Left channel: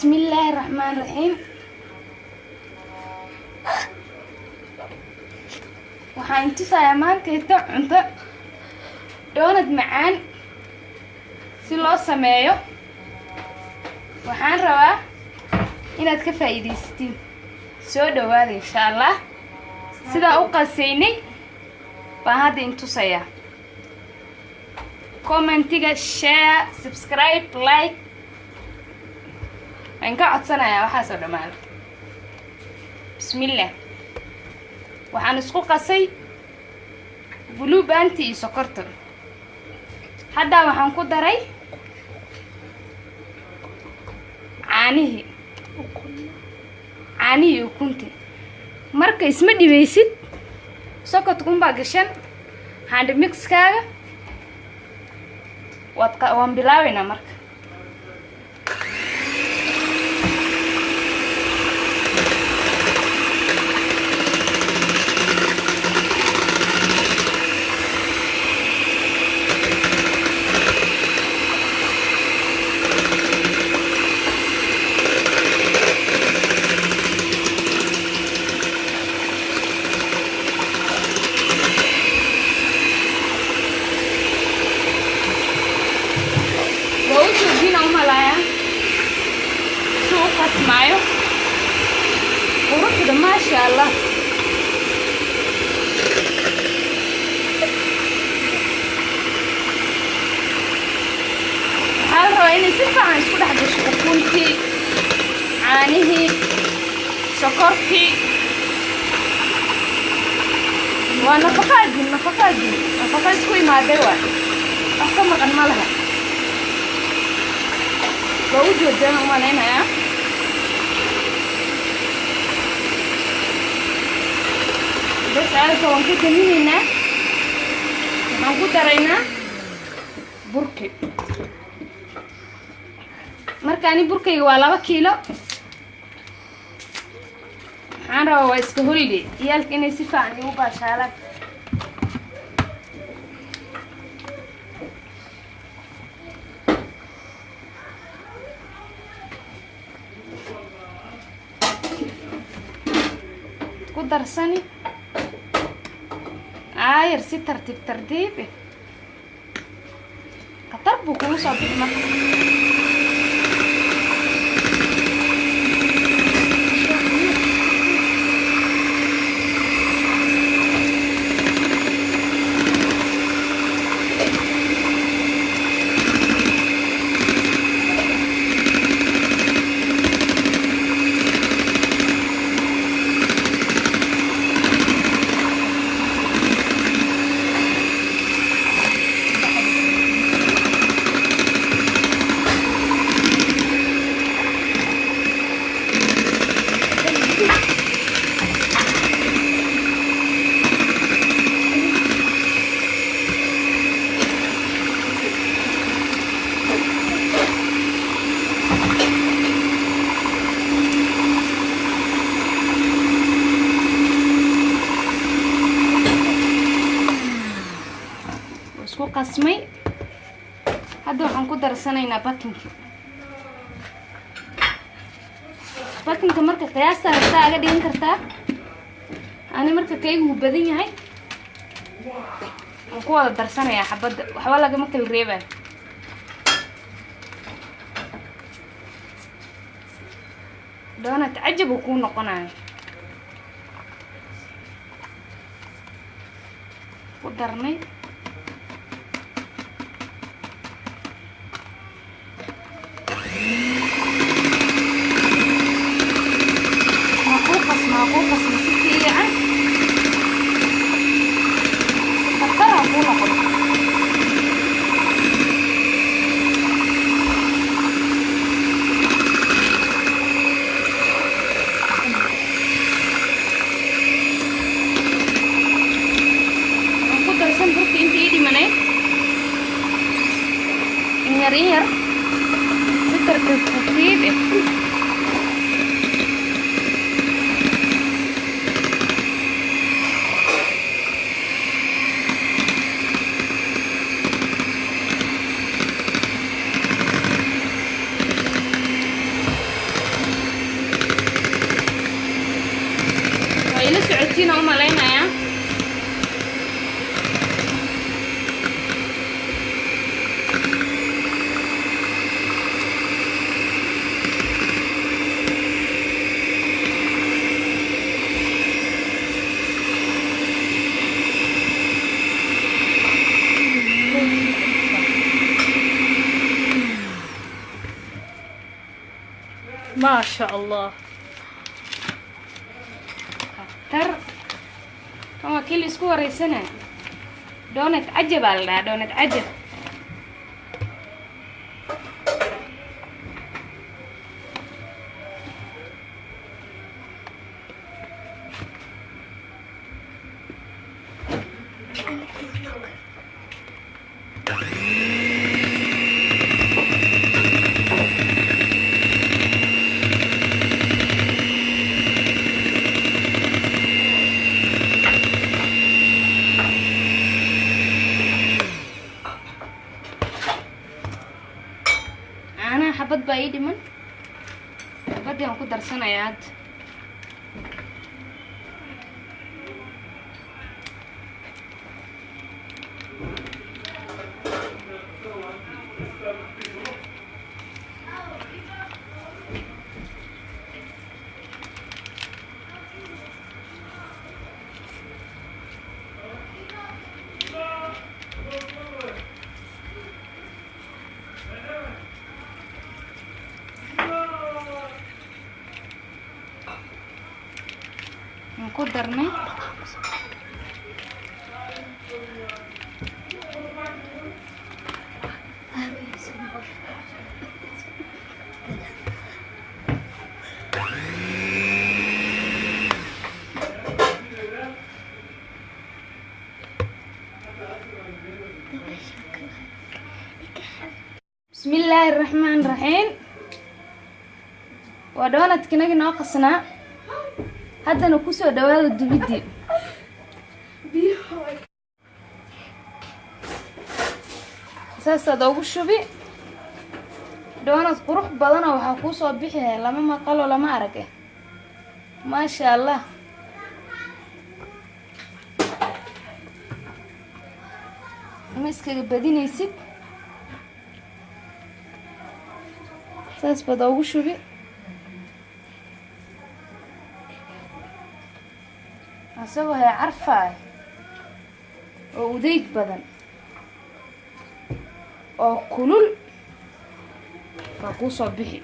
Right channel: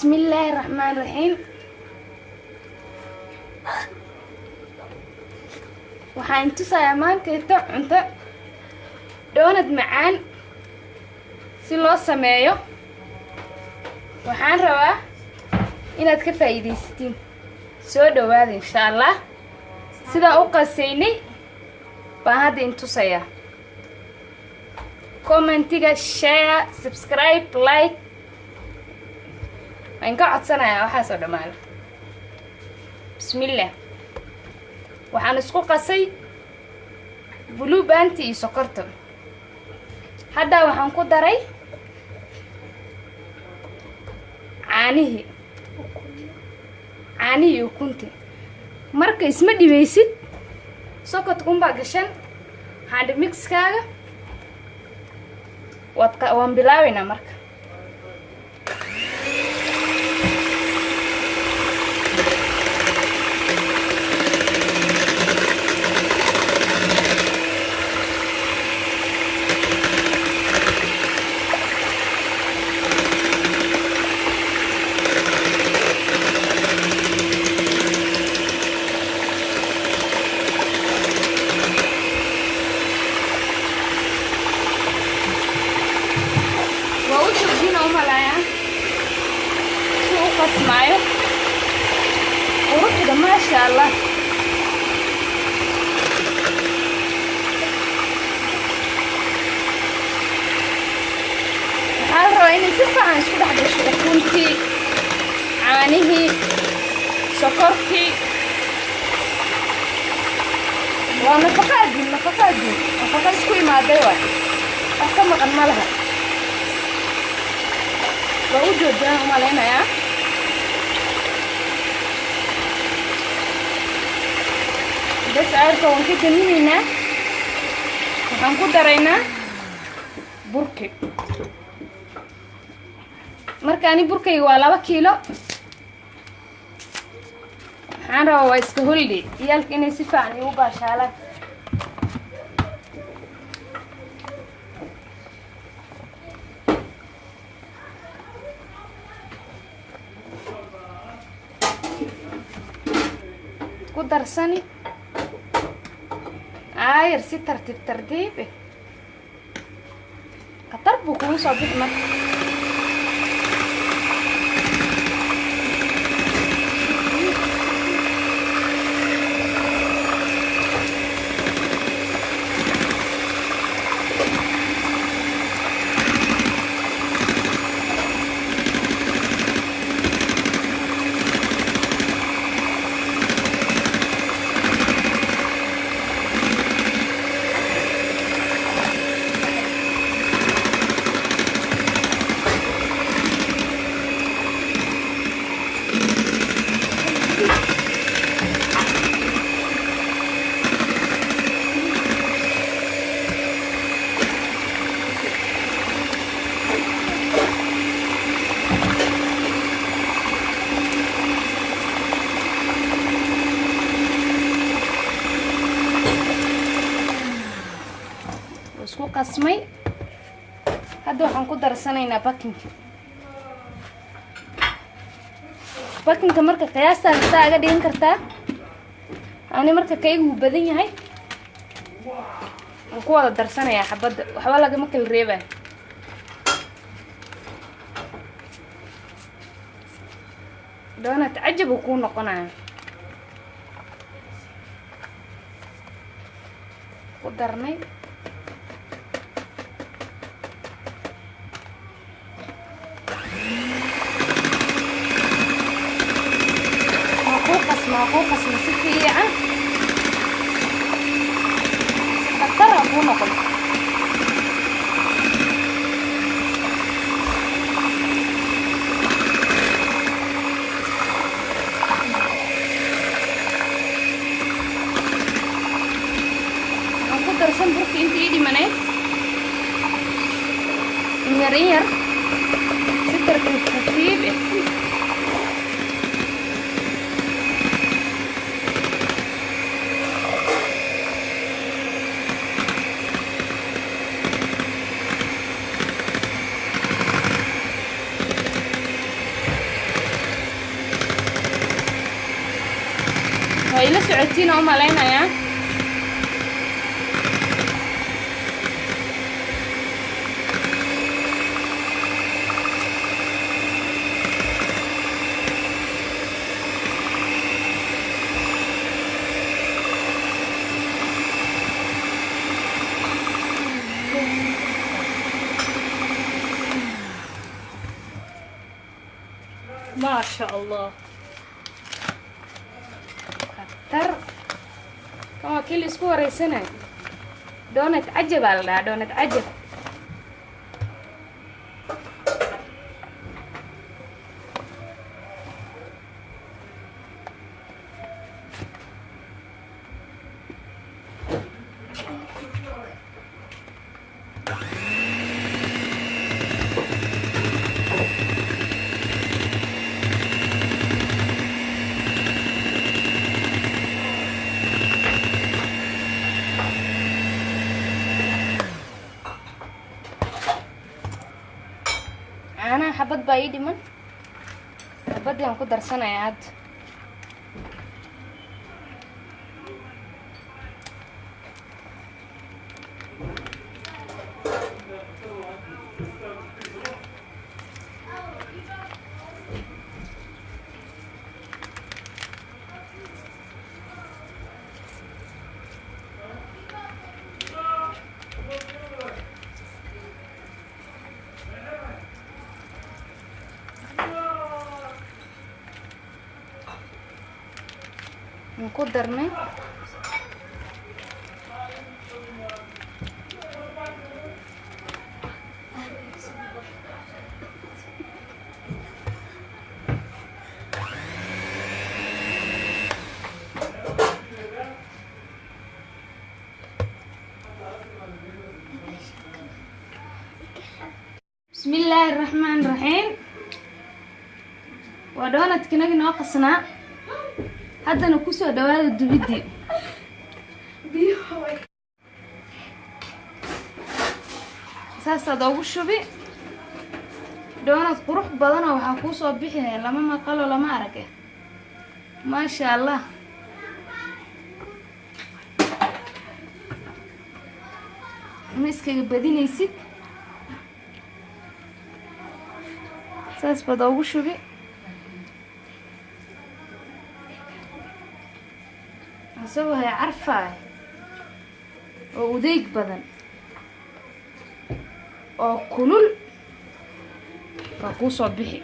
بسم الله الرحمن الرحيم. waxaan tusayaa maanta cunto doonad macaan si loo sameeyo. waxaan rabaa inaad ka faa'iideysatiin. soo dhawaada insha Allah. sida u qasaynay baan hadda tusayaa. commentiga, share, subscribe, like waan ka codsanayaa waxa soo dhamaada. bismillah. waxaan isku qasay blue band iyo sokorta. hadda waxaan ku daray caanihi ukunti. marka isma dhibeysid sokorta kunbaa gashan hand mixkaaga waan bilaabaynaa marka. اسمعوا وروح كده ما شاء الله. حاولوا اني سفا عن اسكو دحدش اكونتي عانيه سكرتي ونفقات كوي مع دواء احكم مقنالها بوجود جانا ومالينا يا بس عارفة وانكو تنينينا وانكو درينا بركي. markaani burkayga waa 2 kiilo. waxaan rabaa waa iska holiday iyalka inay si fiican igu baashaalaan. ku darsani ayar si tartiib khatar buu kugu soo bixi marka. isku qasmay. hadda waxaan ku darsanaynaa bakinka marka qiyaasta hasta aga dhigan kartaa. ani marka kaygu badan yahay waan ku wada darsanayaa xabada waxba lagama kala reebay. doonad cajab ku noqonaya ku darnay معقوقة سمسكية حطرها فوق هنقول درسان برك انت ايدي مناك نيرير ستر بالترتيب. aragtiin oo malaynaya ما شاء الله. تر كما كل اسبوع ريسنا دونت عجب على دونت عجب أنا حبت بعيد من حبت يوم كنت درسنا ياد نقدرني بسم الله الرحمن الرحيم ودونت كناجي ناقصنا haddana ku soo dhawaada dubidii saasaad ugu shubi doonad qurux badan oo waxa ku soo bixinay lama maqalo lama arag ma sha Allah miskiga badinaysid saas baad ugu shubi asagoo hay carfaay oo udeyg badan oo kulul waa kuu soo bixi